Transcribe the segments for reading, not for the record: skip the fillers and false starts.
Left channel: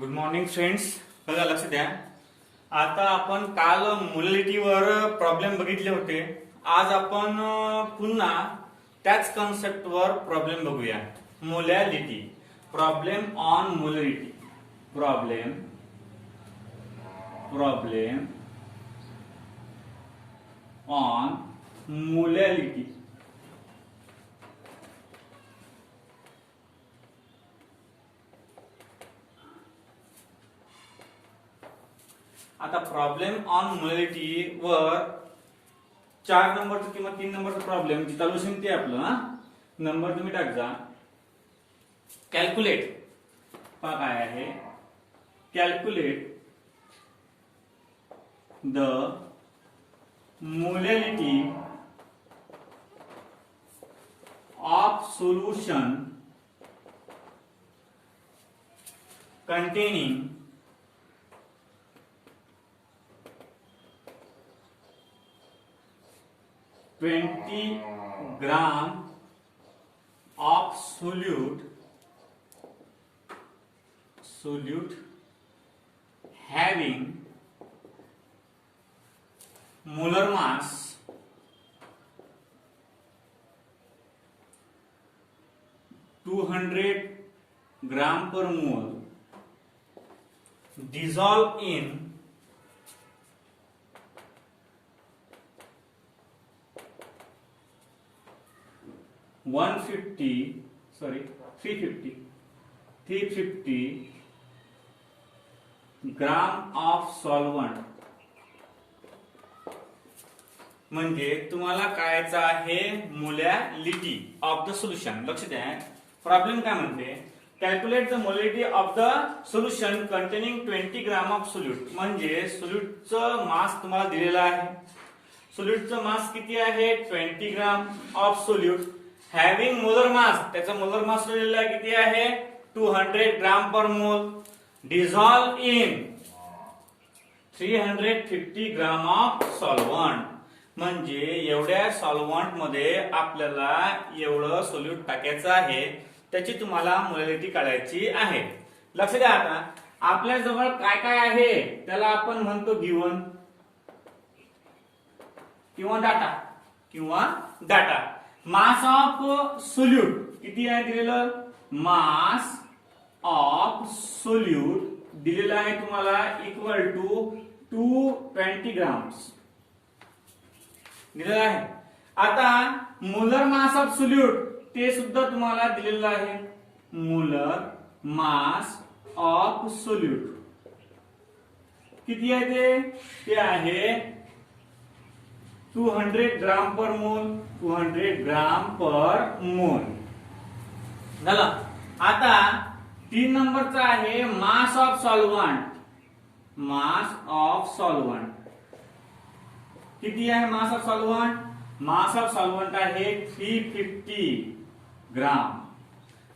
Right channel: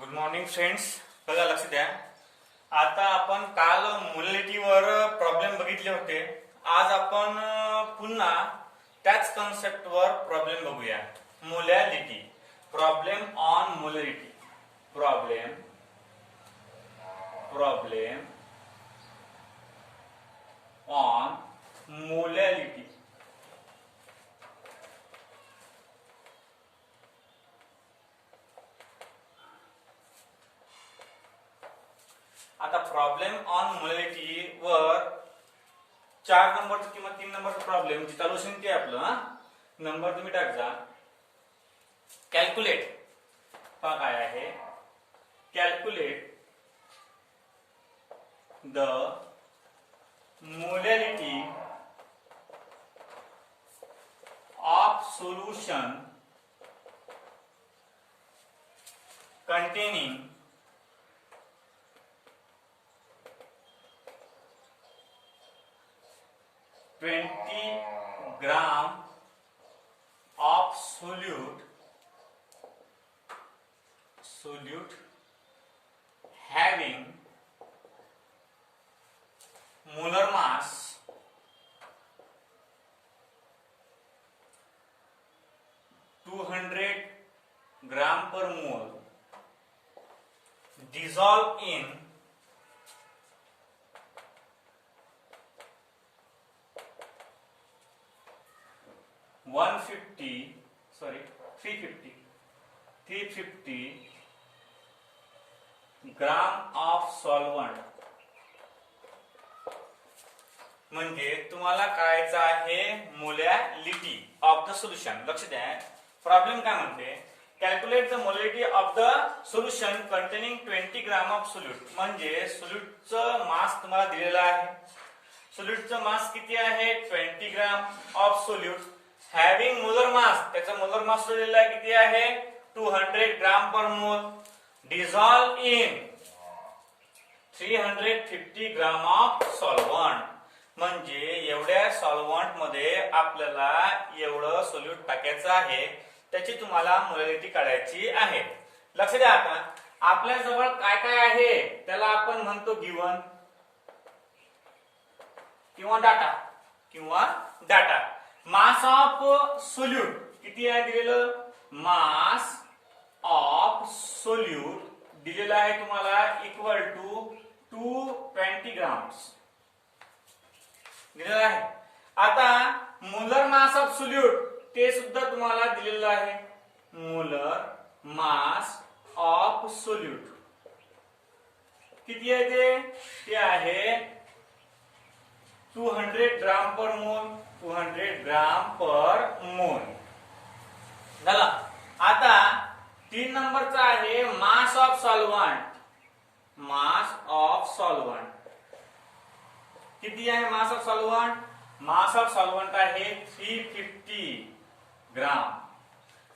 Good morning friends. बघा लक्ष द्या. आता आपण काल मोलॅलिटीवर प्रॉब्लेम बघितले होते. आज आपण पुन्हा त्याच कन्सेप्टवर प्रॉब्लेम बघूया. Molality, problem on molality. Problem on molality. आता प्रॉब्लेम ऑन मोलॅलिटी वर 4 नंबरचं किंवा 3 नंबरचं प्रॉब्लेम जे सोल्युशन ते आपलं नंबर तुम्ही टाकजा. कॅल्क्युलेट काय आहे, calculate the molality of solution containing 20 gram of solute having molar mass 200 gram per mole dissolved in 350 gram of solvent. म्हणजे तुम्हाला कळायचं आहे मोलॅलिटी ऑफ द सोल्युशन. लक्ष द्या, प्रॉब्लेम काय म्हणते, calculate the molality of the solution containing 20 gram of solute. म्हणजे सोल्यूटचं मास तुम्हाला दिलेला आहे. सोल्यूटचं मास किती आहे, 20 gram of solute having molar mass. त्याचा मोलर मास दिलेला किती आहे, 200 ग्राम पर मोल dissolve in 350 gram of solvent. म्हणजे एवढ्या सॉल्व्हंट मध्ये आपल्याला एवढं सोल्यूट टाकायचं आहे. त्याची तुम्हाला मोलॅलिटी काढायची आहे. लक्ष द्या, आता आपल्या जवळ काय काय आहे त्याला आपण म्हणतो गिवन किंवा डाटा. मास ऑफ सोल्यूट किती आहे दिलेलं, मास ऑफ सोल्यूट दिलेला आहे तुम्हाला इक्वल टू 220 ग्राम्स दिलेला आहे. आता मोलर मास ऑफ सोल्यूट ते सुद्धा तुम्हाला दिलेलं आहे. मोलर मास ऑफ सोल्यूट किती आहे, ते आहे 200 ग्राम पर मोल. 200 ग्राम पर मोल झालं. आता 3 नंबरचा आहे mass of solvent. Mass of solvent किती आहे, mass of solvent, mass of solvent आहे 350 ग्राम.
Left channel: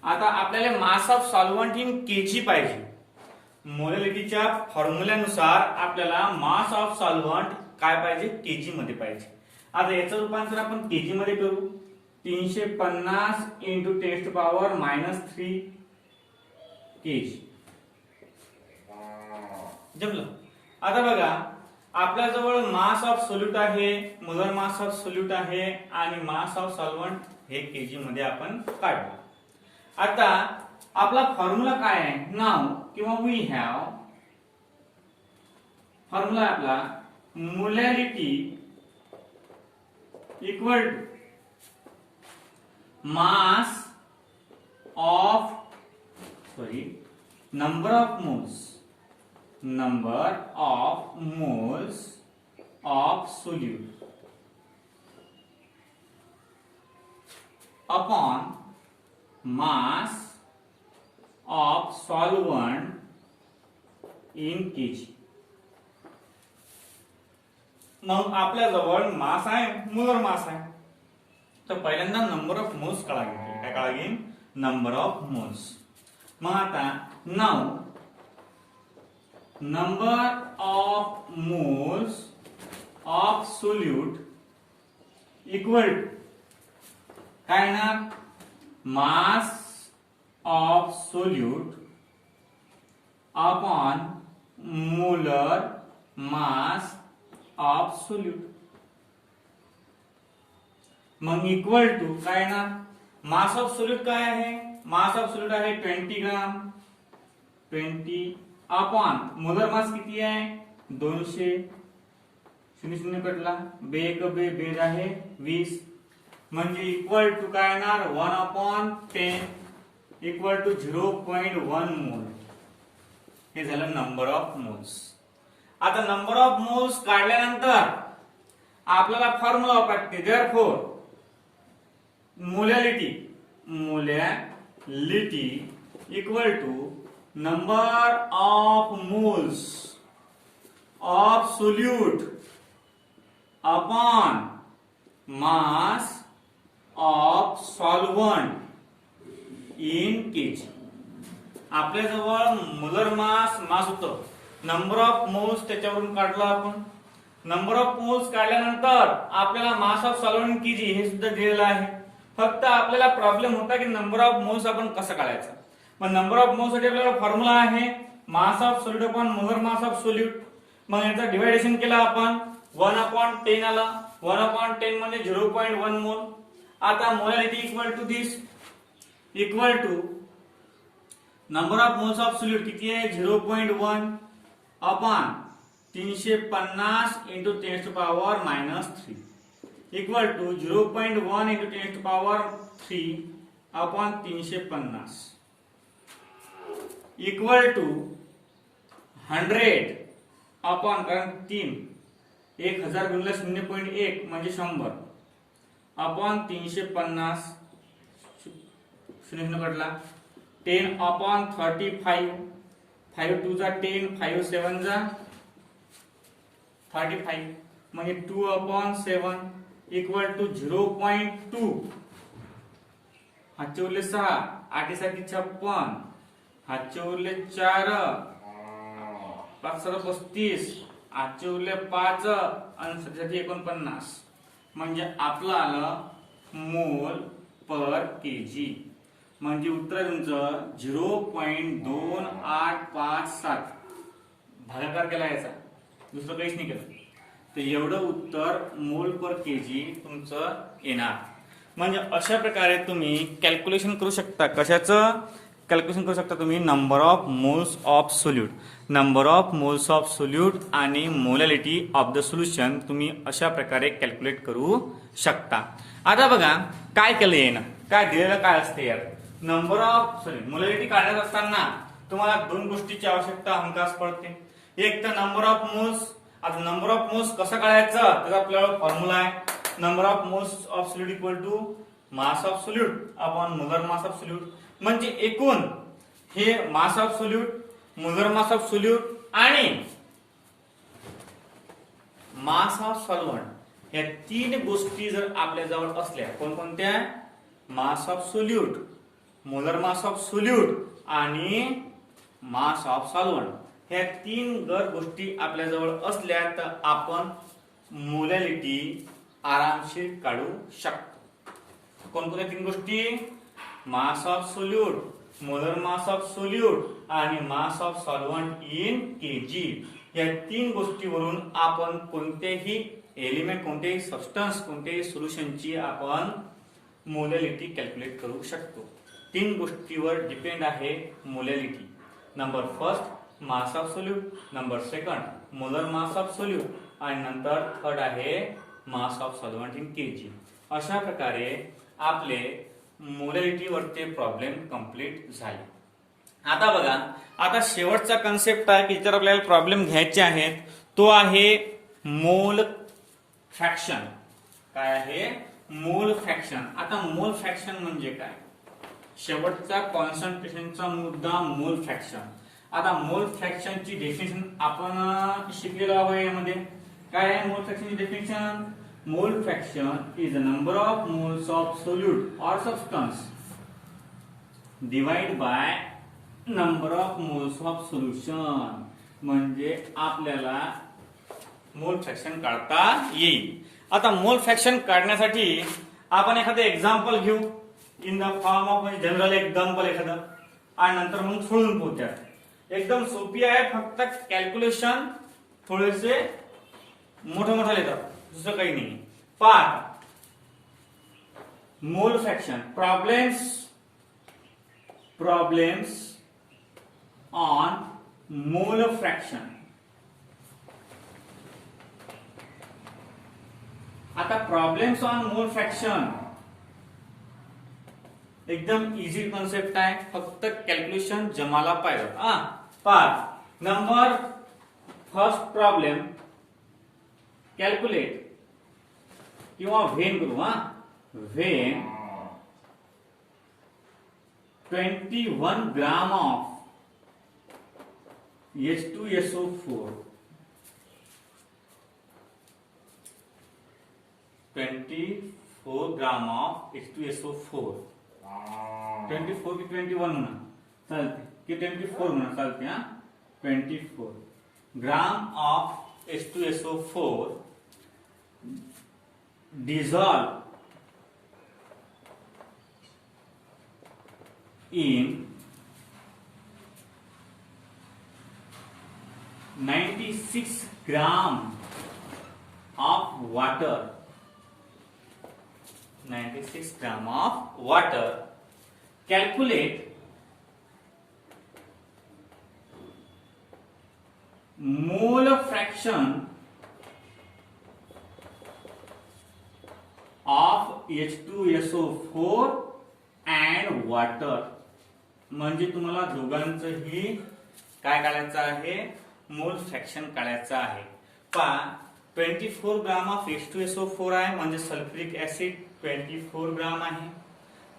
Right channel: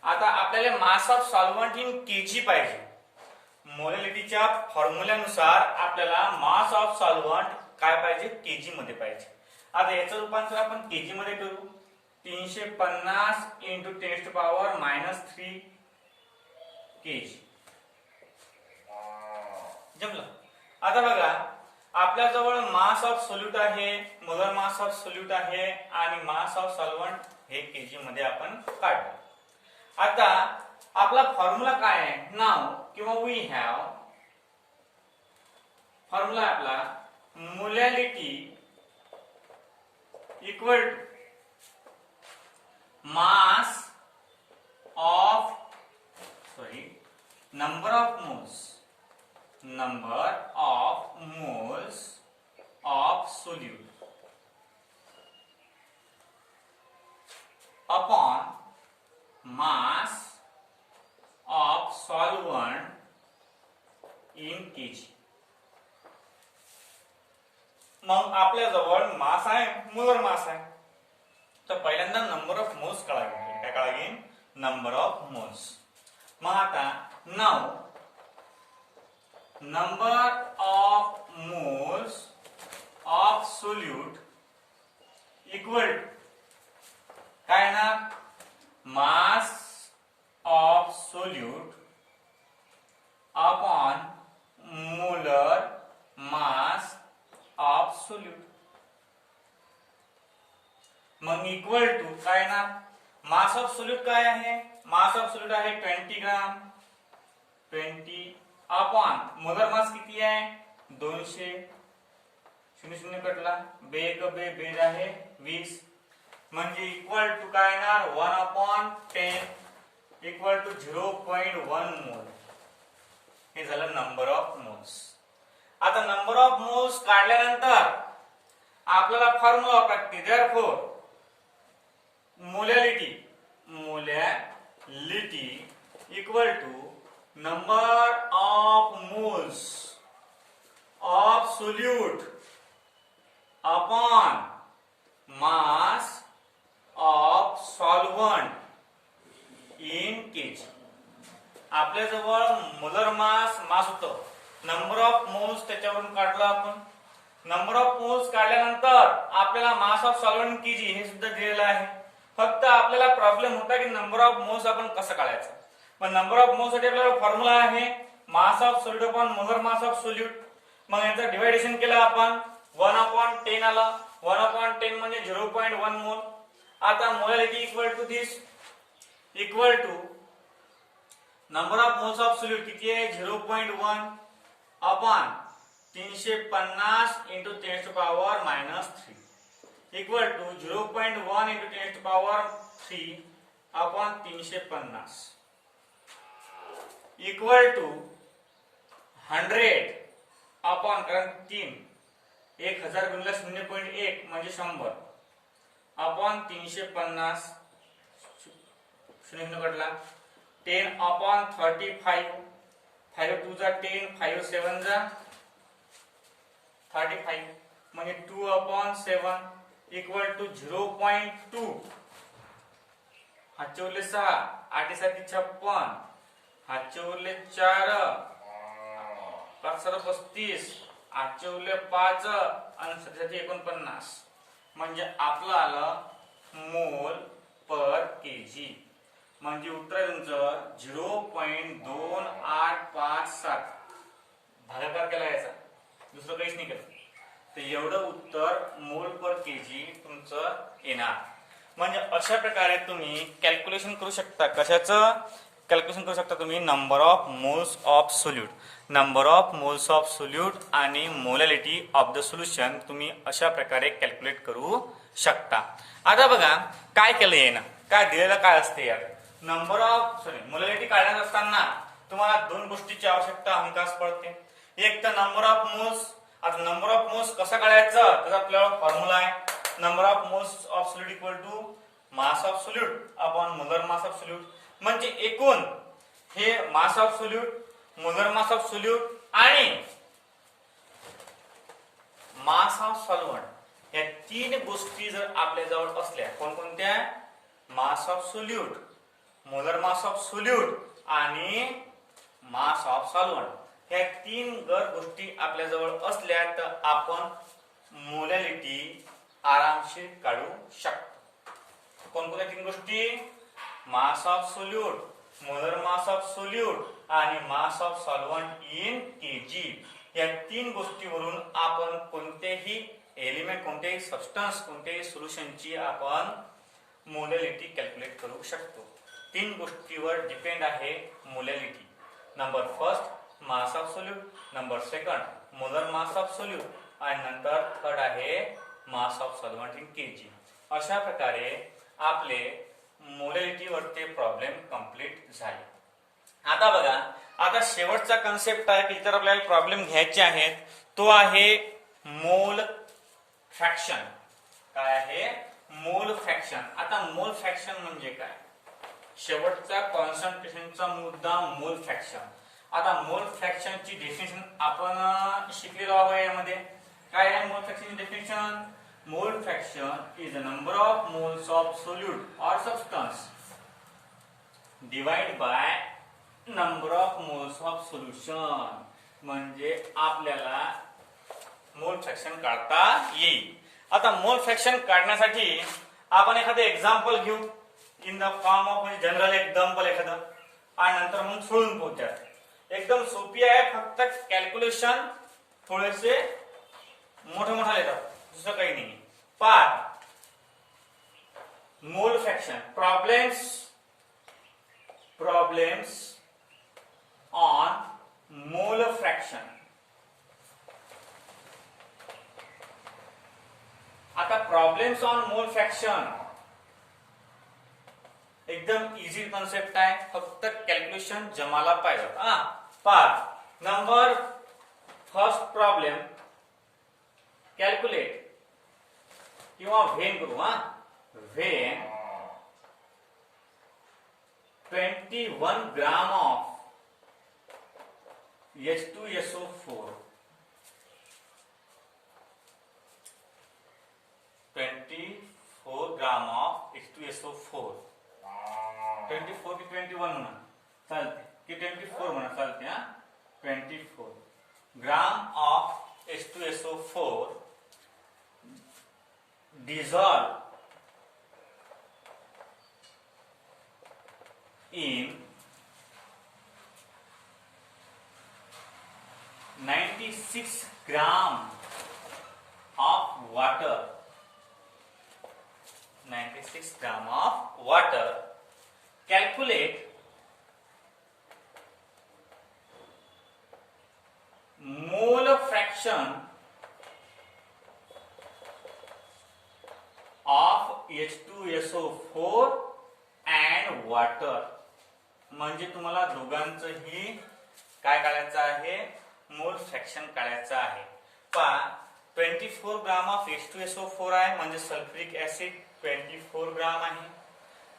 आता आपल्याला मास ऑफ सॉल्व्हंट इन केजी पाहिजे. मोलॅलिटीच्या फॉर्म्युल्यानुसार आपल्याला मास ऑफ सॉल्व्हंट काय पाहिजे, केजी मध्ये पाहिजे. आता याचं रूपांतर आपण केजी मध्ये करू. 350 इंटू 10⁻³ केजी. जमलं. आता बघा, आपल्याजवळ मास ऑफ सोल्यूट आहे, मोलर मास ऑफ सोल्यूट आहे आणि मास ऑफ सॉल्व्हंट हे केजी मध्ये आपण काढलं. आता आपला फॉर्म्युला काय आहे, नाव किंवा वी हॅव फॉर्म्युला आपला molality equal to mass of number of moles of solute upon mass of solvent in kg. मग आपल्याजवळ मास आहे, मोलर मास आहे. तर पहिल्यांदा नंबर ऑफ मोल्स काढावे. काय काढावे, नंबर ऑफ मोल्स. मग आता नाव number of moles of solute equal to काय ना, mass of solute upon molar mass of solute. मग इक्वल टू काय ना, मास ऑफ सोल्यूट काय आहे, मास ऑफ सोल्यूट आहे 20 ग्राम. 20 अपॉन मोलर मास किती आहे 200. 0 कटला, बे एक बे बेज आहे 20. म्हणजे इक्वल टू काय येणार 1/10 इक्वल टू 0.1 मोल. हे झालं नंबर ऑफ मोल्स. आता नंबर ऑफ मोल्स काढल्यानंतर आपल्याला फॉर्म्युला वापरते. Therefore molality equal to number of moles of solute upon mass of solvent in KG. आपल्याजवळ मोलर मास होतं, नंबर ऑफ मोल्स त्याच्यावरून काढलं आपण. नंबर ऑफ मोल्स काढल्यानंतर आपल्याला मास ऑफ सॉल्व्हंट केजी हे सुद्धा दिलेलं आहे. फक्त आपल्याला प्रॉब्लेम होता की नंबर ऑफ मोल्स आपण कसं काढायचं. मग नंबर ऑफ मोल्स साठी आपल्याला फॉर्म्युला आहे mass of solute upon molar mass of solute. मग याचं डिवायडेशन केलं आपण 1/10 आला. 1/10 म्हणजे 0.1 मोल. आता molality equal to this equal to number of moles of solute किती आहे 0.1 upon 350 into 10 to power -3 equal to 0.1 into 10 to power 3 upon 350 equal to 100 upon कारण 1000 गुणिले 0.1 म्हणजे 100 अपॉन 350 0 कटला 10 अपॉन 35 5 2 जा 10 5 7 जा 35 म्हणजे 2 अपॉन 7 इक्वल टू 0.2. हातचे उरले 6 8 साठी 56 हातचे उरले 4 5 35 आजचे उरले 5 आणि 49 म्हणजे आपलं आलं मोल पर केजी. म्हणजे उत्तर तुमचं 0.2857 भागाकार केला याचा, दुसरं काहीच नाही केलं. तर एवढं उत्तर मोल पर केजी तुमचं येणार. म्हणजे अशा प्रकारे तुम्ही कॅल्क्युलेशन करू शकता. कशाचं कॅल्क्युलेशन करू शकता तुम्ही number of moles of solute. Number of moles of solute आणि मोलॅलिटी ऑफ द सोल्युशन तुम्ही अशा प्रकारे कॅल्क्युलेट करू शकता. आता बघा काय केलं येणं, काय दिलेलं काय असते यार. नंबर ऑफ मोलॅलिटी काढत असताना तुम्हाला दोन गोष्टीची आवश्यकता हमखास पडते. एक तर नंबर ऑफ मोल्स. आता नंबर ऑफ मोल्स कसं काढायचं त्याचा आपल्याला फॉर्म्युला आहे. Number of moles of solute equal to mass of solute upon molar mass of solute. म्हणजे एकूण हे mass of solute, molar mass of solute आणि मास ऑफ सॉल्व्हंट या तीन गोष्टी जर आपल्या जवळ असल्या, कोणकोणत्या मास of solute, molar mass of solute आणि मास ऑफ सॉल्व्हंट, ह्या तीन गोष्टी आपल्या जवळ असल्या तर आपण मोलॅलिटी आरामशीर काढू शकतो. कोणकोणत्या तीन गोष्टी, mass of solute, molar mass of solute आणि mass of solvent in KG. या तीन गोष्टीवरून आपण कोणतेही एलिमेंट, कोणतेही सबस्टन्स, कोणत्याही सोल्युशनची आपण मोलॅलिटी कॅल्क्युलेट करू शकतो. तीन गोष्टीवर डिपेंड आहे molality. Number first mass of solute, number second molar mass of solute आणि नंतर थर्ड आहे mass of solvent in KG. अशा प्रकारे आपले मोलॅलिटी वरचे प्रॉब्लेम कंप्लीट झाले. आता बघा, आता शेवटचा कन्सेप्ट आहे की जर आपल्याला प्रॉब्लेम घ्यायचे आहेत तो आहे मोल फ्रॅक्शन. काय आहे मोल फ्रॅक्शन. आता मोल फ्रॅक्शन म्हणजे काय, शेवटचा कॉन्सन्ट्रेशनचा मुद्दा मोल फ्रॅक्शन. आता मोल फ्रॅक्शनची डेफिनेशन आपण शिकलेलो आहोत. यामध्ये काय आहे मोल फ्रॅक्शनची definition. Mole fraction is the number of moles of solute और substance divide by number of moles of solution. म्हणजे आपल्याला मोल फ्रॅक्शन काढता येईल. आता मोल फ्रॅक्शन काढण्यासाठी आपण एखादं एक्झाम्पल घेऊ in the form of general example एखादं आणि नंतर मग सोडून पोहोचतात. एकदम सोपी आहे, फक्त कॅल्क्युलेशन थोडेसे मोठे येतात, दुसरं काही नाही. पार्ट मोल फ्रॅक्शन, प्रॉब्लेम्स ऑन मोल फ्रॅक्शन. आता प्रॉब्लेम्स ऑन मोल फ्रॅक्शन एकदम इझी कॉन्सेप्ट आहे, फक्त कॅल्क्युलेशन जमाला पाहिजे. Part number first problem calculate किंवा व्हेन करू. When 21 gram of H2SO4 24 gram of H2SO4. 24 की 21 म्हणा चालते, की 24 म्हणा चालते. 24 gram of H2SO4 dissolve in 96 gram of water. 96 gram of water. Calculate mole fraction of H2SO4 and water. म्हणजे तुम्हाला दोघांचंही काय काढायचं आहे, मोल फ्रॅक्शन काढायचं आहे. पहा 24 ग्राम ऑफ H2SO4 आहे, म्हणजे सल्फ्युरिक ऍसिड 24 ग्राम आहे.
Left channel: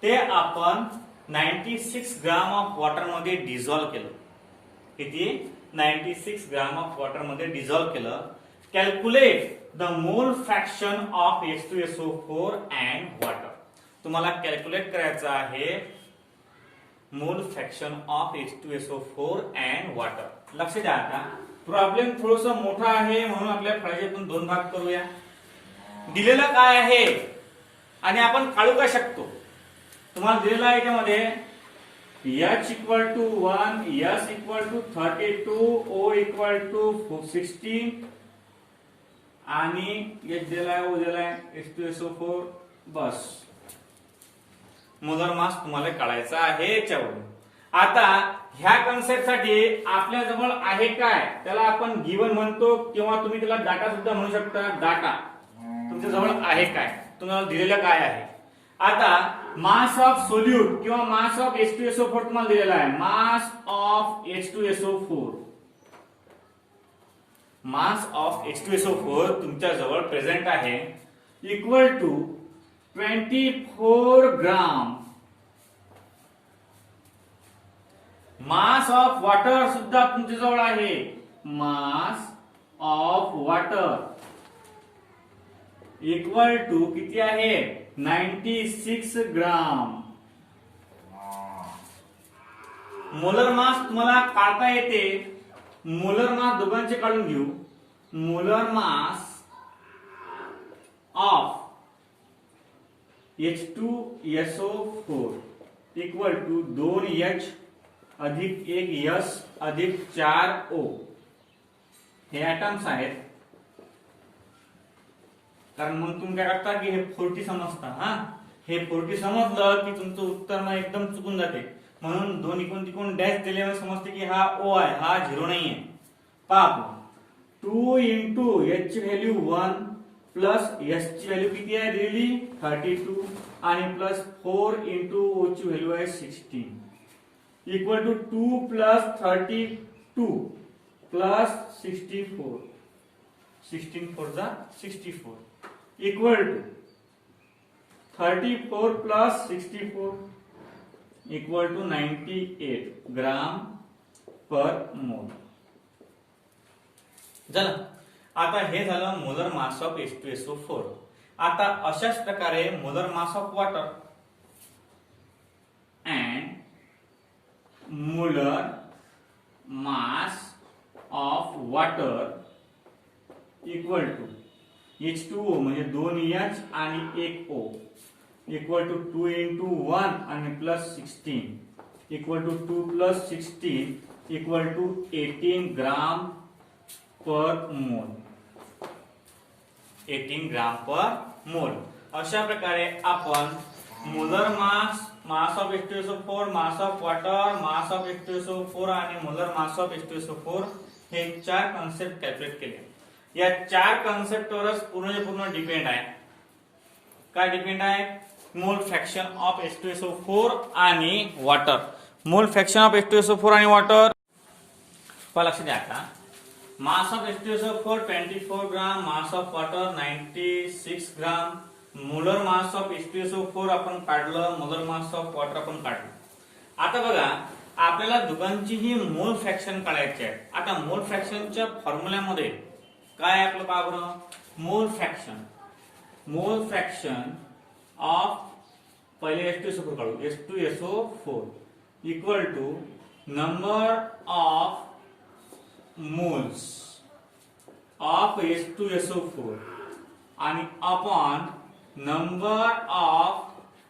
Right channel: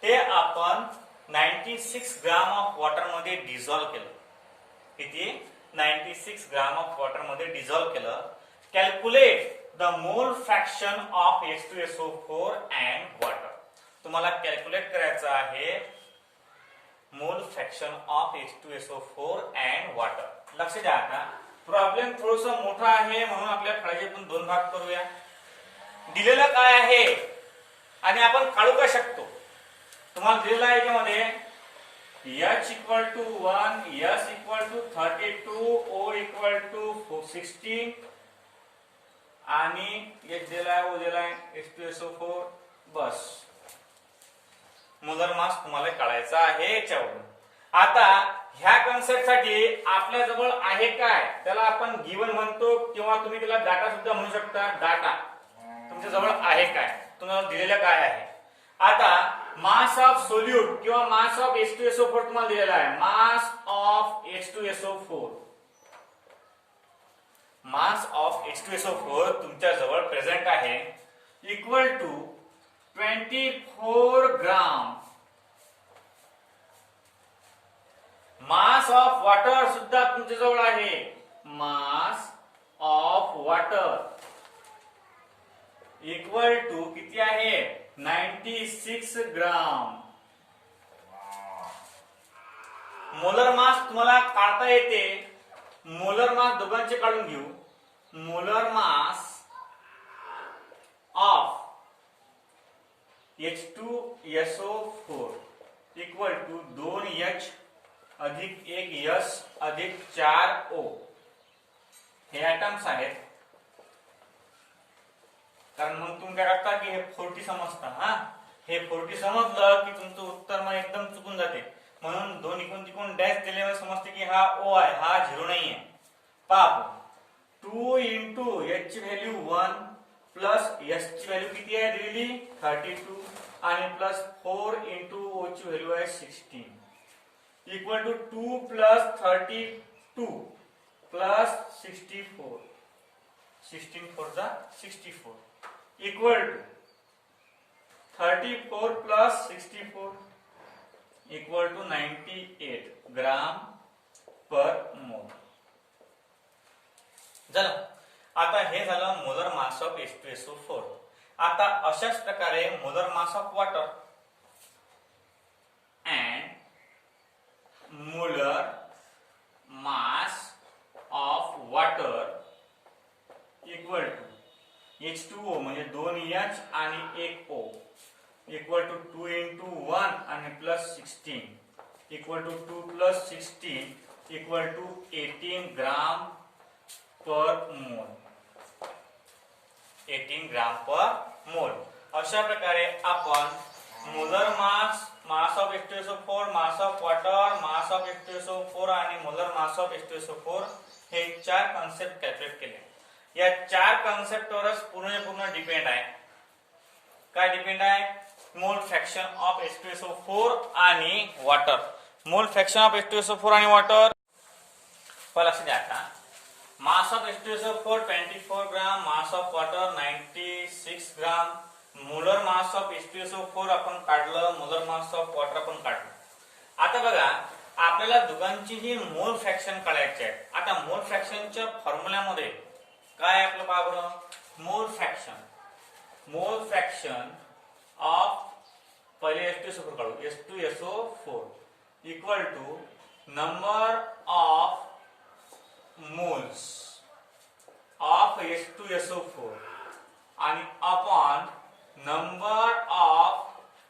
ते आपण 96 ग्राम ऑफ वॉटर मध्ये डिझॉल्व्ह केलं. किती? 96 ग्राम ऑफ वॉटर मध्ये डिझॉल्व्ह केलं. Calculate the mole fraction of H2SO4 and water. तुम्हाला कॅल्क्युलेट करायचं आहे मोल fraction of H2SO4 and water. लक्ष द्या. आता प्रॉब्लेम थोडस मोठा आहे, म्हणून आपल्या फळ्यातून दोन भाग करूया. दिलेलं काय आहे आणि आपण काढू काय शकतो. तुम्हाला दिलेलं आहे याच्यामध्ये H equal to 1, S equal to 32, O equal to 16 आणि H दिला आहे, O दिला आहे, H2SO4. बस मोलर मास तुम्हाला काढायचा आहे याच्यावरून. आता ह्या कन्सेप्ट साठी आपल्या जवळ आहे काय, त्याला आपण गिवन म्हणतो, किंवा तुम्ही त्याला डाटा सुद्धा म्हणू शकता. डाटा तुमच्या जवळ आहे काय, तुम्हाला दिलेलं काय आहे. आता मास ऑफ सोल्यूट किंवा मास ऑफ H2SO4 तुम्हाला दिलेला आहे. Mass of H2SO4, mass of H2SO4 तुमच्या जवळ प्रेझेंट आहे, equal to 24 gram. Mass of water सुद्धा तुमच्या जवळ आहे. Mass of water equal to किती आहे, 96 ग्राम. मोलर मास तुम्हाला काढता येते. मोलर मास दोघांचे काढून घेऊ. Molar mass of H2SO4 equal to 2H अधिक 1S अधिक 4O. हे ऍटम्स आहेत. कारण मग तुम्ही काय करता की हे 40 समजता. हे 40 समजलं की तुमचं उत्तर मग एकदम चुकून जाते. म्हणून दोन इकडून तिकडून डॅश दिल्यावर समजते की हा O आहे, हा 0 नाहीये. पाप 2 इंटू H ची व्हॅल्यू 1 प्लस S ची व्हॅल्यू किती आहे दिलेली 32 आणि प्लस 4 इंटू O ची व्हॅल्यू आहे 16 इक्वल टू 2 प्लस 32 प्लस 64. 16 4 जा 64 equal to 34 plus 64 equal to 98 gram per mole. झालं. आता हे झालं मोलर मास ऑफ H2SO4. आता अशाच प्रकारे molar mass of water and molar mass of water equal to H2O म्हणजे 2H आणि 1O इक्वल टू 2 इंटू 1 आणि plus 16 equal to 2 plus 16 equal to 18 gram per mole. 18 gram per mole. अशा प्रकारे आपण molar mass of H2SO4, mass of water, mass of H2SO4 आणि molar mass of H2SO4 हे 4 concept calculate केले. या 4 कॉन्सेप्टवरच पूर्ण depend आहे. काय डिपेंड आहे? मोल फ्रॅक्शन ऑफ H2SO4 आणि वॉटर. मोल फ्रॅक्शन ऑफ H2SO4 आणि वॉटर. लक्ष द्या. आता मास of H2SO4 24 gram, mass of water 96 gram. Molar mass of H2SO4 आपण काढलं, मोलर मास ऑफ वॉटर आपण काढलं. आता बघा, आपल्याला दोघांचीही मोल फ्रॅक्शन काढायचे आहे. आता मोल फ्रॅक्शनच्या फॉर्म्युल्यामध्ये काय आपलं पहा बरं. मोल फ्रॅक्शन ऑफ पहिले H2SO4 काढू. H2SO4 equal to number of moles of H2SO4 आणि upon number of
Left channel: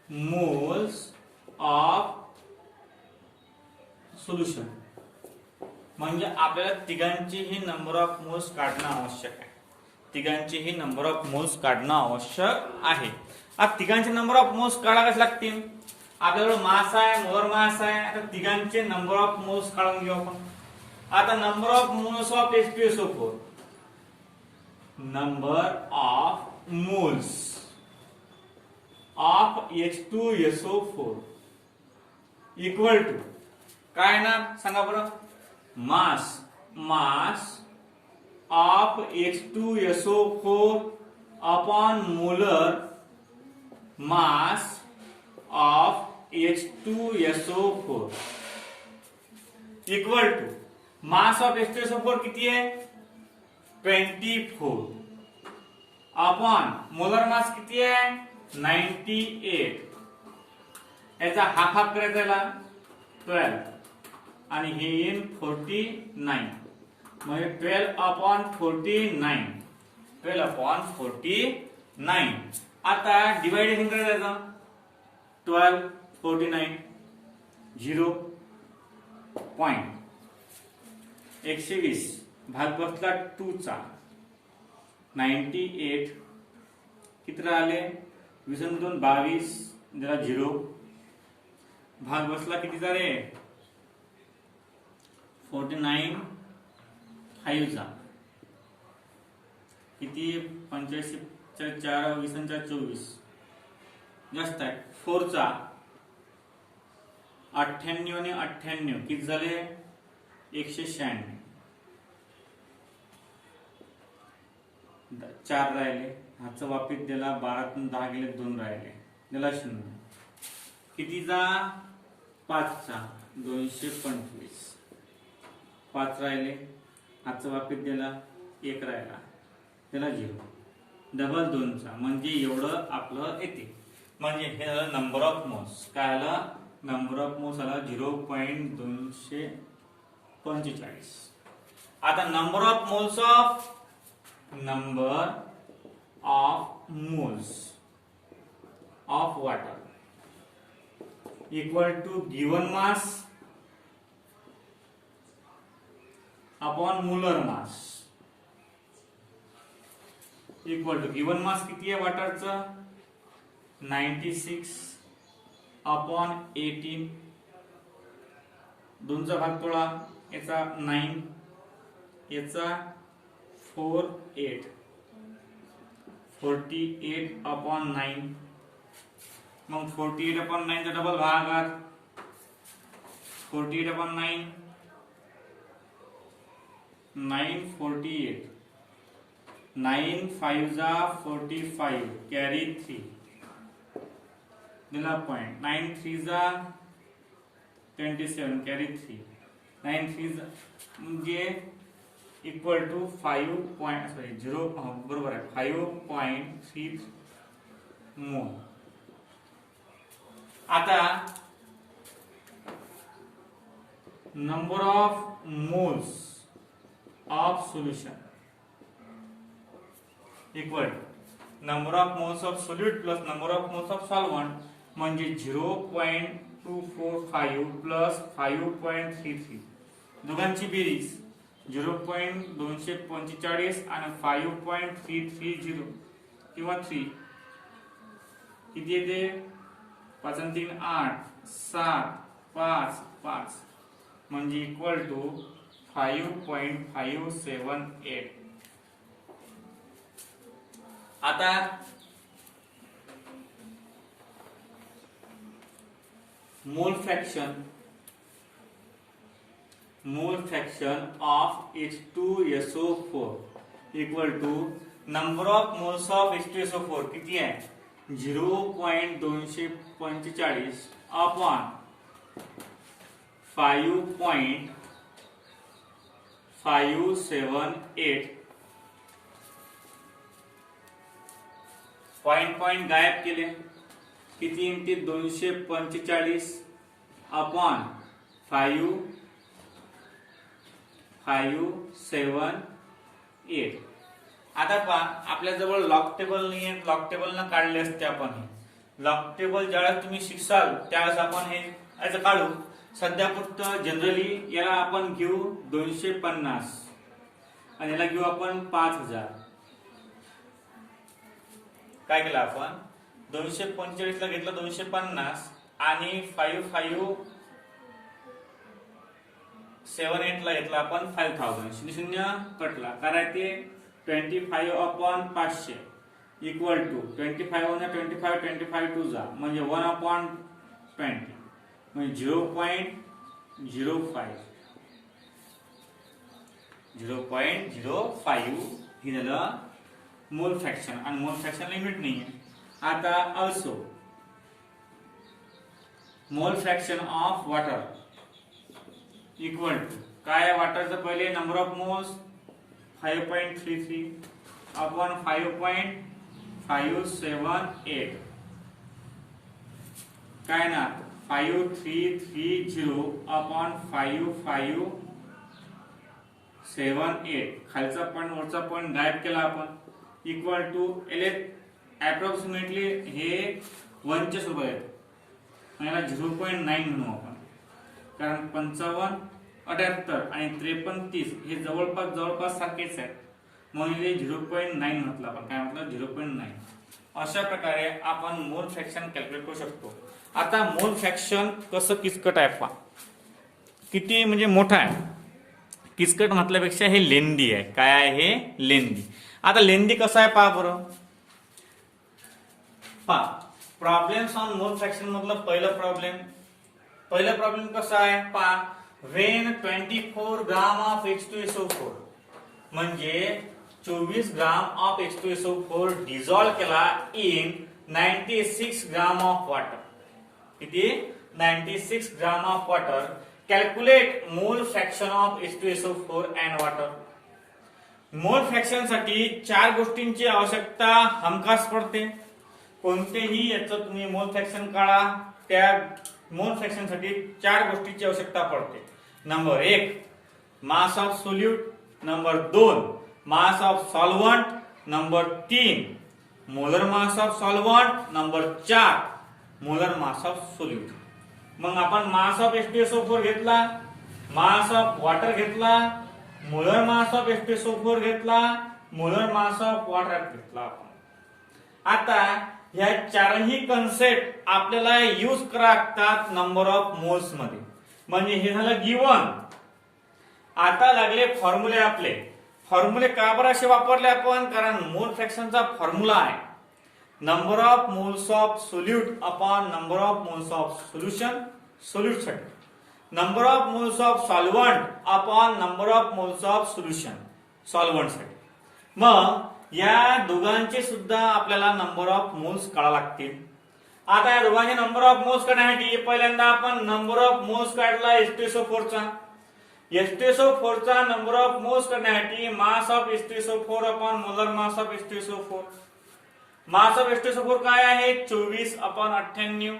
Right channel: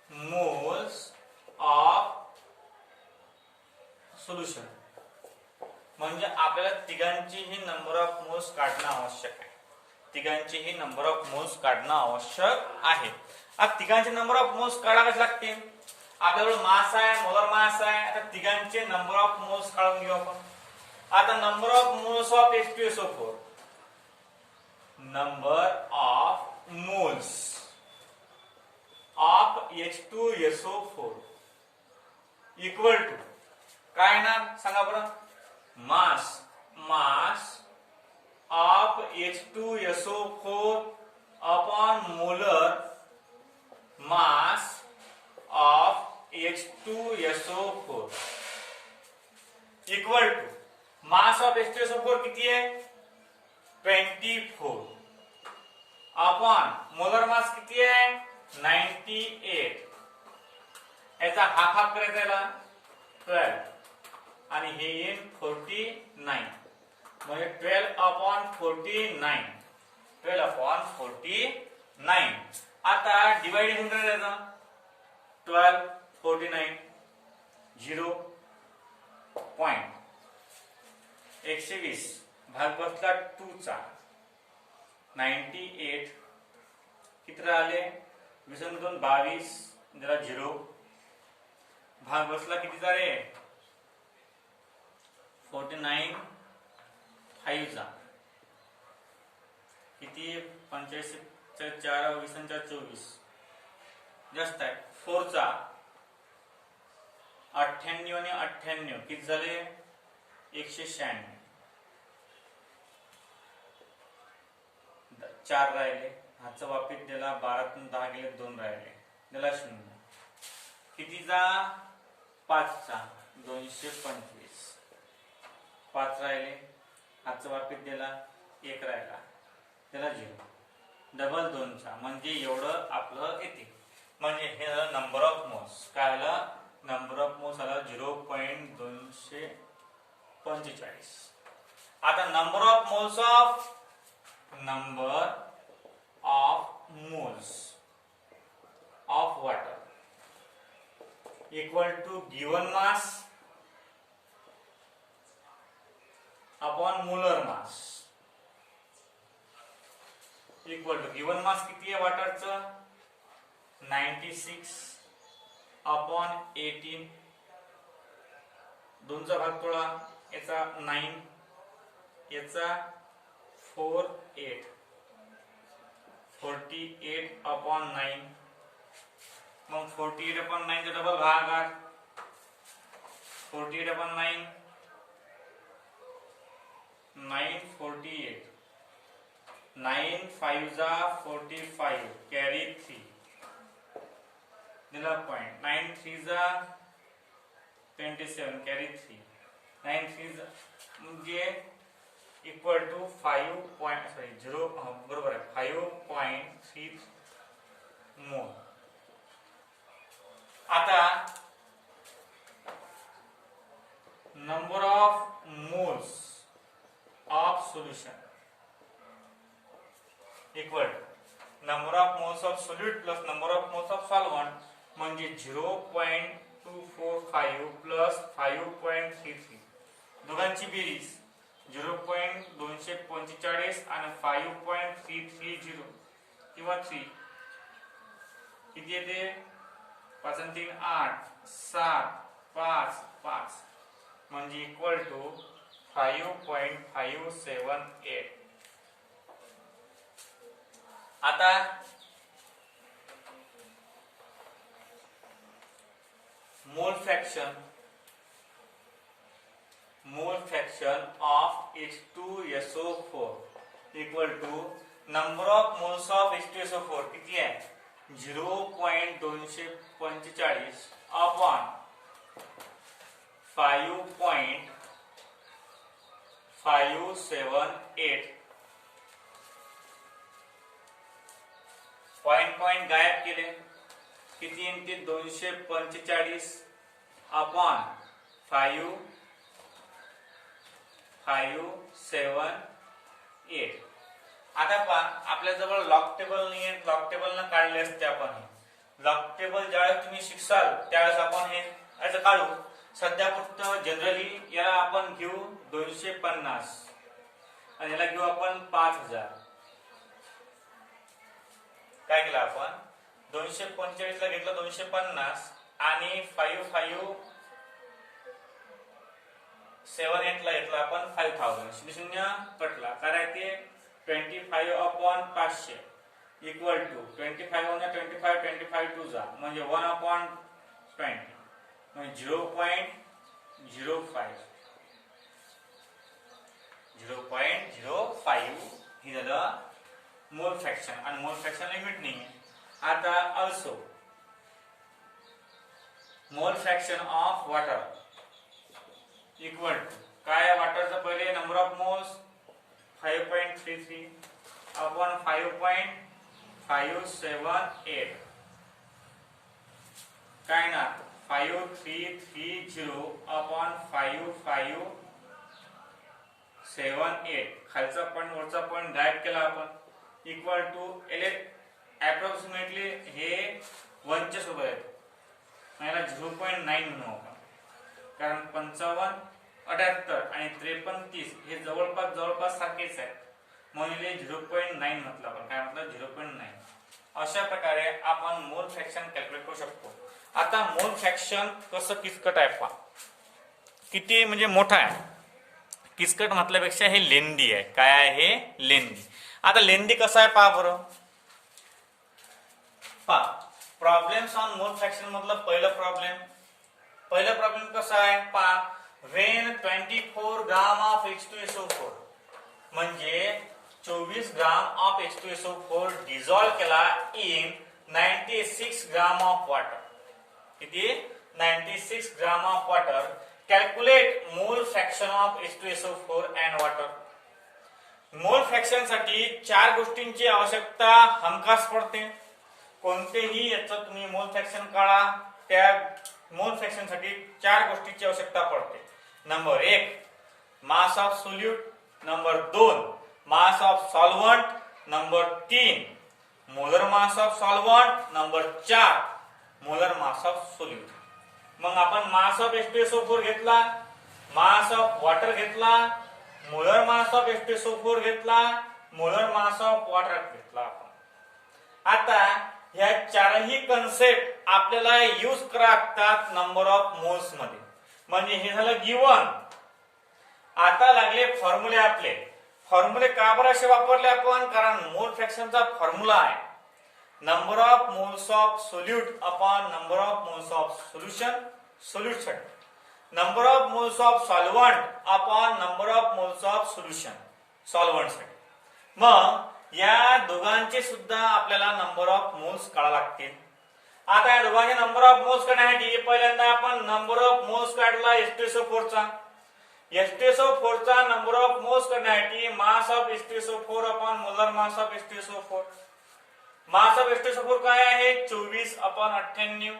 moles of solution. म्हणजे आपल्याला तिघांचीही नंबर ऑफ मोल्स काढणं आवश्यक आहे. तिघांचीही नंबर ऑफ मोल्स काढणं आवश्यक आहे. आता तिघांचे नंबर ऑफ मोल्स काढावेच लागतील. आपल्याकडे मास आहे, मोलर मास आहे. आता तिघांचे नंबर ऑफ मोल्स काढून घेऊ आपण. आता number of moles of H2SO4, number of moles of H2SO4 equal to काय ना सांगा बरं. Mass of H2SO4 upon molar mass of H2SO4 equal to mass of H2SO4 किती आहे? 24 अपॉन मोलर मास किती आहे? 98. याचा हाफ करायचा याला 12 आणि हे येईल 49. म्हणजे 12 अपॉन 49. 12 अपॉन 49. आता डिवायडेशन करायचं. 12 49 0 पॉइंट 120 भाग बसला 2 चा 98 किती राहिले? 22 22 जरा 0 भाग बसला कितीचा रे? 49 5 चा किती? 85 चा 4 20 चा 24 जास्त आहे. 4 चा 98 आणि 98 किती झाले? 196. 4 राहिले. हातचा वापित दिला. 12 10 गेले 2 राहिले. दिला 0. कितीचा? 5 चा 225. 5 राहिले. हातचा वापित दिला. 1 राहिला. त्याला 0. डबल 2 चा म्हणजे एवढं आपलं येते. म्हणजे हे झालं नंबर ऑफ मोल्स. काय आलं? नंबर ऑफ मोल्स आला 0.245. आता number of moles of water equal to given mass upon molar mass equal to given mass किती आहे वॉटरचं? 96 अपॉन 18. 2 चा भाग तोडा. याचा 9 याचा 48 अपॉन 9. मग 48 अपॉन 9 चा डबल भागाकार 48 अपॉन 9 948. 9 5 जा 45 कॅरी 3 दिला पॉइंट. 9 3 जा 27 कॅरी 3. 9 3 म्हणजे इक्वल टू 0 बरोबर आहे 5.3 मोल. आता number of moles of solution equal number of moles of solute plus number of moles of solvent म्हणजे 0.245 प्लस 5.33 दोघांची बेरीज 0.245 आणि 5.330 किंवा 3 किती येते 5 आणि 3 8 7 5 5 म्हणजे इक्वल टू 5.578. आता mole fraction of H2SO4 equal to number of moles of H2SO4 किती आहे 0.245 अपॉन 5.578. पॉइंट गायब केले किती येते 245 अपॉन 5.578. आता पहा आपल्या जवळ लॉक टेबल नाही आहे, लॉक टेबल न काढले असते आपण. लॉक टेबल ज्यावेळेस तुम्ही शिकसाल त्यावेळेस आपण हे असं काढू. सध्या फक्त जनरली याला आपण घेऊ 250 आणि याला घेऊ आपण 5000. काय केलं आपण 245 ला घेतलं 250 आणि 5.578 ला घेतला आपण 5000. 0 कटला कारण ते 25 अपॉन 500 इक्वल टू 25 1 25 25 2 जा म्हणजे 1 अपॉन 20 म्हणजे 0.05 हे झालं मोल फ्रॅक्शन. आणि मोल फ्रॅक्शन लिमिट नाही आहे. आता also mole fraction of water equal to काय वॉटरचं पहिले नंबर ऑफ मोल्स 5.33 अपॉन 5.578 काय ना 5330 अपॉन 5578. खालचा पॉइंट वरचा पॉइंट गायब केला आपण इक्वल टू अप्रॉक्सिमेटली हे 1 च्या सोबत आहे. याला 0.9 म्हणू आपण कारण 55 78 आणि 53 30 हे जवळपास सारखेच आहेत म्हणून 0.9 म्हटलं आपण. काय म्हटलं 0.9. अशा प्रकारे आपण मोल फ्रॅक्शन कॅल्क्युलेट करू शकतो. आता मोल फ्रॅक्शन कसं किचकट आहे पहा किती म्हणजे मोठा आहे. किचकट म्हटल्यापेक्षा हे लेंदी आहे. काय आहे हे लेंदी. आता लेंदी कसं आहे पहा बरं. पहा प्रॉब्लेम्स ऑन मोल फ्रॅक्शन मधलं पहिलं प्रॉब्लेम कसं आहे पहा व्हेन 24 ग्राम ऑफ H2SO4 म्हणजे 24 ग्राम ऑफ H2SO4 डिझॉल्व केला इन 96 ग्राम ऑफ वॉटर. किती 96 ग्राम ऑफ वॉटर. कॅल्क्युलेट मोल fraction of H2SO4 and water. मोल फ्रॅक्शन साठी 4 गोष्टींची आवश्यकता हमखास पडते. कोणतेही याचं तुम्ही मोल फ्रॅक्शन काढा त्या मोल फ्रॅक्शन साठी 4 गोष्टींची आवश्यकता पडते. Number 1 mass of solute. Number 2 mass of solvent. Number 3 molar mass of solvent. Number 4 molar mass of solute. मग आपण मास ऑफ H2SO4 घेतला, मास ऑफ वॉटर घेतला, मोलर मास ऑफ H2SO4 घेतला, मोलर मास ऑफ वॉटर घेतला आपण. आता ह्या चारही कन्सेप्ट आपल्याला यूज करा लागतात नंबर ऑफ मोल्स मध्ये. म्हणजे हे झालं गिवन. आता लागले फॉर्म्युले आपले. फॉर्म्युले का बरं असे वापरले आपण कारण मोल फ्रॅक्शनचा फॉर्म्युला आहे number of moles of solute upon number of moles of solution solute साठी. Number of moles of solvent upon number of moles of solution solvent साठी. मग या दोघांचे सुद्धा आपल्याला नंबर ऑफ मोल्स काढा लागतील. आता या दोघांचे नंबर ऑफ मोल्स काढण्यासाठी पहिल्यांदा आपण नंबर ऑफ मोल्स काढला H2SO4 चा. H2SO4 चा नंबर ऑफ मोल्स काढण्यासाठी मास of H2SO4 upon molar mass of H2SO4. Mass of H2SO4 काय आहे 24 अपॉन 98.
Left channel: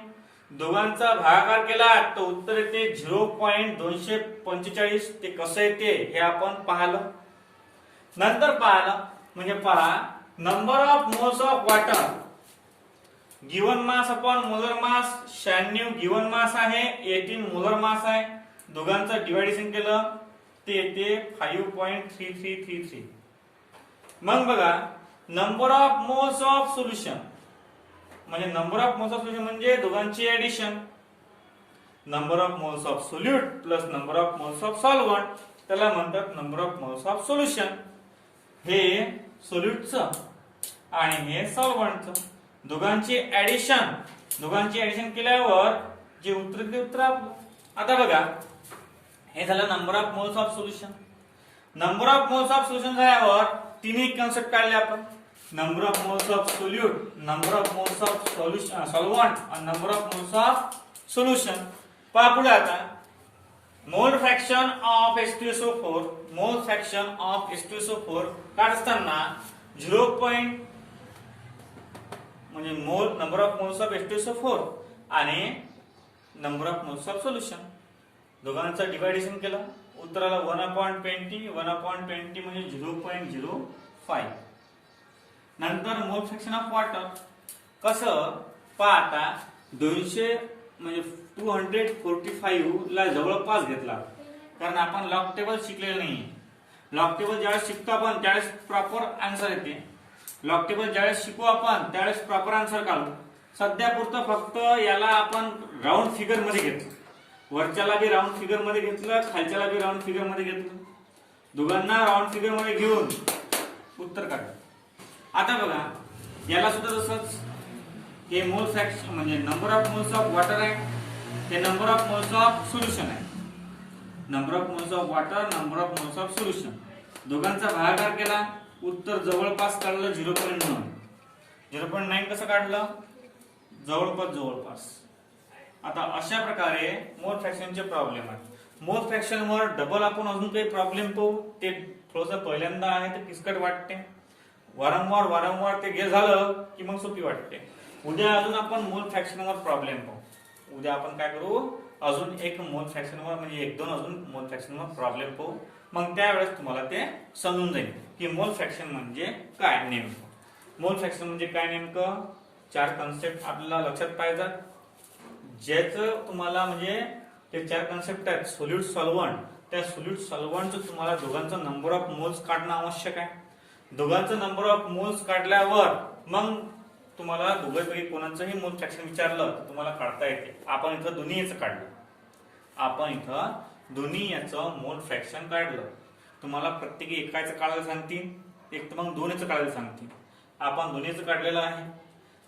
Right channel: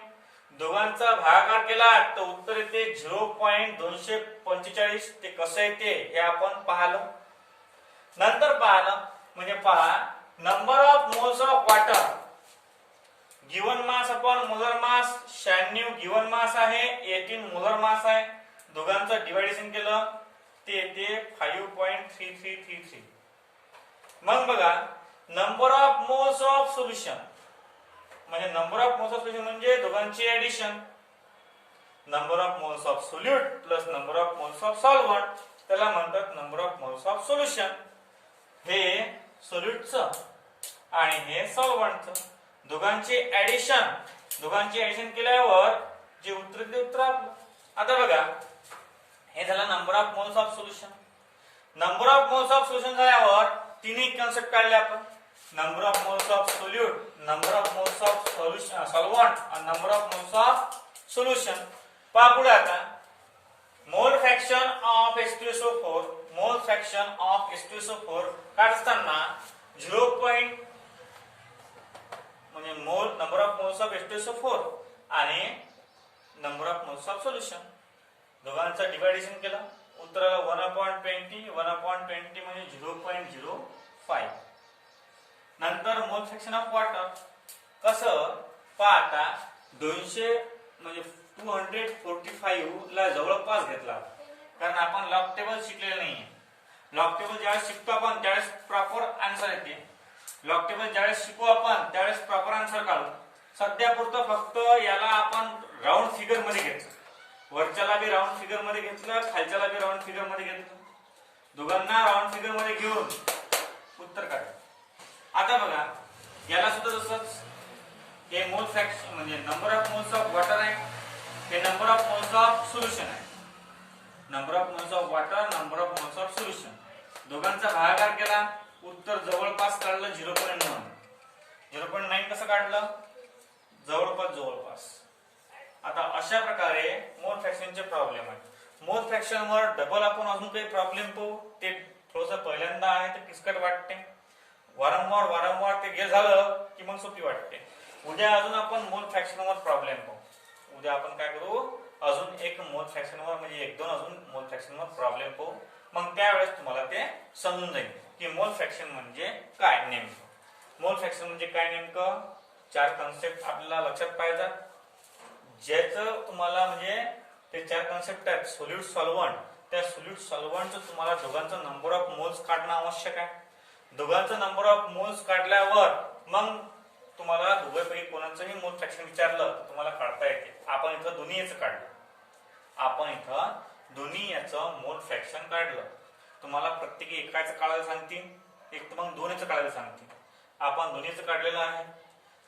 दोघांचा भागाकार केला तर उत्तर येते 0.245. ते कसं येते हे आपण पाहिलं. नंतर पाहिलं म्हणजे पहा number of moles of water given mass upon molar mass 96 given mass आहे 18 मोलर मास आहे. दोघांचं डिवायडेशन केलं ते येते 5.3333. मग बघा number of moles of solution म्हणजे number of moles of solution म्हणजे दोघांची addition. Number of moles of solute plus number of moles of solvent त्याला म्हणतात number of moles of solution. हे सोल्यूटचं आणि हे सॉल्व्हंटचं दोघांची ऍडिशन केल्यावर जे उत्तर ते उत्तर आपलं. आता बघा हे झालं number of moles of solution. Number of moles of solution झाल्यावर तिन्ही कन्सेप्ट काढले आपण. Number of moles of solute, number of moles of solution solvent आणि number of moles of solution. पहा पुढे आता मोल फ्रॅक्शन ऑफ H2SO4 मोल fraction of H2SO4 काढताना 0. म्हणजे मोल number of moles of H2SO4 आणि number of moles of solution दोघांचं डिव्हायडेशन केलं उत्तराला 1/20 म्हणजे 0.05. नंतर मोल फ्रॅक्शन ऑफ वॉटर कसं पहा आता 200 म्हणजे 245 ला जवळपास घेतला कारण आपण लॉग टेबल शिकलेलं नाहीये. लॉग टेबल ज्यावेळेस शिकतो आपण त्यावेळेस प्रॉपर आन्सर येते. लॉग टेबल ज्यावेळेस शिकू आपण त्यावेळेस प्रॉपर आन्सर काढू. सध्या पुरतं फक्त याला आपण राऊंड फिगर मध्ये घेतलं. वरच्याला बी राऊंड फिगर मध्ये घेतलं खालच्याला बी राऊंड फिगर मध्ये घेतलं. दोघांना राऊंड फिगर मध्ये घेऊन उत्तर काढलं. आता बघा याला सुद्धा तसंच हे मोल फ्रॅक्शन म्हणजे number of moles of water आहे. हे number of moles of solution आहे. Number of moles of water number of moles of solution दोघांचा भागाकार केला उत्तर जवळपास काढलं 0.9. 0.9 कसं काढलं जवळपास. आता अशा प्रकारे मोल फ्रॅक्शनचे प्रॉब्लेम आहे. मोल फ्रॅक्शन वर डबल आपण अजून काही प्रॉब्लेम पाहू. ते थोडंसं पहिल्यांदा आहे ते किचकट वाटते. वारंवार ते झालं की मग सोपी वाटते. उद्या अजून आपण मोल फ्रॅक्शन वर प्रॉब्लेम पाहू. उद्या आपण काय करू अजून एक मोल फ्रॅक्शन वर म्हणजे 1-2 अजून मोल फ्रॅक्शन वर प्रॉब्लेम पाहू. मग त्यावेळेस तुम्हाला ते समजून जाईल की मोल फ्रॅक्शन म्हणजे काय नेमकं. मोल फ्रॅक्शन म्हणजे काय नेमकं 4 कन्सेप्ट आपल्याला लक्षात पाहिजेत. ज्याचं तुम्हाला म्हणजे ते 4 कन्सेप्ट आहेत सोल्यूट सॉल्व्हंट. त्या सोल्यूट सॉल्व्हंटचं तुम्हाला दोघांचं नंबर ऑफ मोल्स काढणं आवश्यक आहे. दोघांचं नंबर ऑफ मोल्स काढल्यावर मग तुम्हाला दोघांपैकी कोणाचंही मोल फ्रॅक्शन विचारलं तर तुम्हाला काढता येते. आपण इथं दोन्ही याचं काढलं. दोन्ही याचं मोल फ्रॅक्शन काढलं. तुम्हाला प्रत्येकी एकाचं काढायला सांगतील एक तर मग 2 याचं काढायला सांगतील. आपण दोन्हीचं काढलेलं आहे.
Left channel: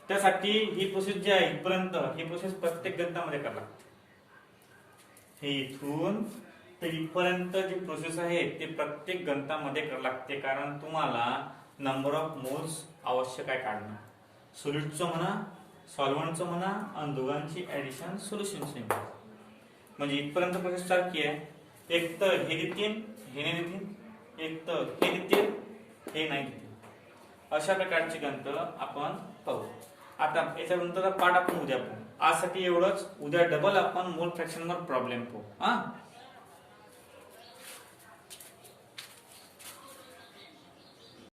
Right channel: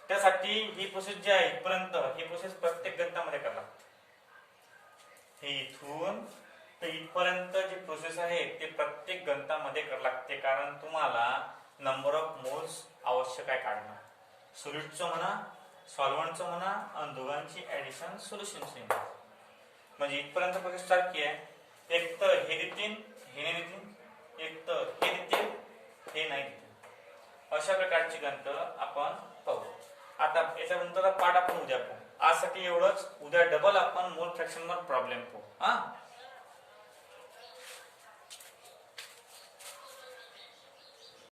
त्यासाठी ही प्रोसेस जी आहे इथपर्यंत ही प्रोसेस प्रत्येक गणितामध्ये करावी लागते. हे इथून तर इथपर्यंत जी प्रोसेस आहे ते प्रत्येक गणितामध्ये करावी लागते. कारण तुम्हाला नंबर ऑफ मोल्स आवश्यक आहे काढणं. सोल्यूटचं म्हणा सॉल्व्हंटचं म्हणा आणि दोघांची ऍडिशन सोल्युशनची म्हणजे इथपर्यंत प्रोसेस सारखी आहे. एक तर हे देतील हे नाही देतील एक तर हे देतील हे नाही देतील. अशा प्रकारची गणित आपण पाहू. आता याच्यानंतर पाठ आपण उद्या पाहू. आजसाठी एवढंच. उद्या डबल आपण मोल फ्रॅक्शन वर प्रॉब्लेम पाहू.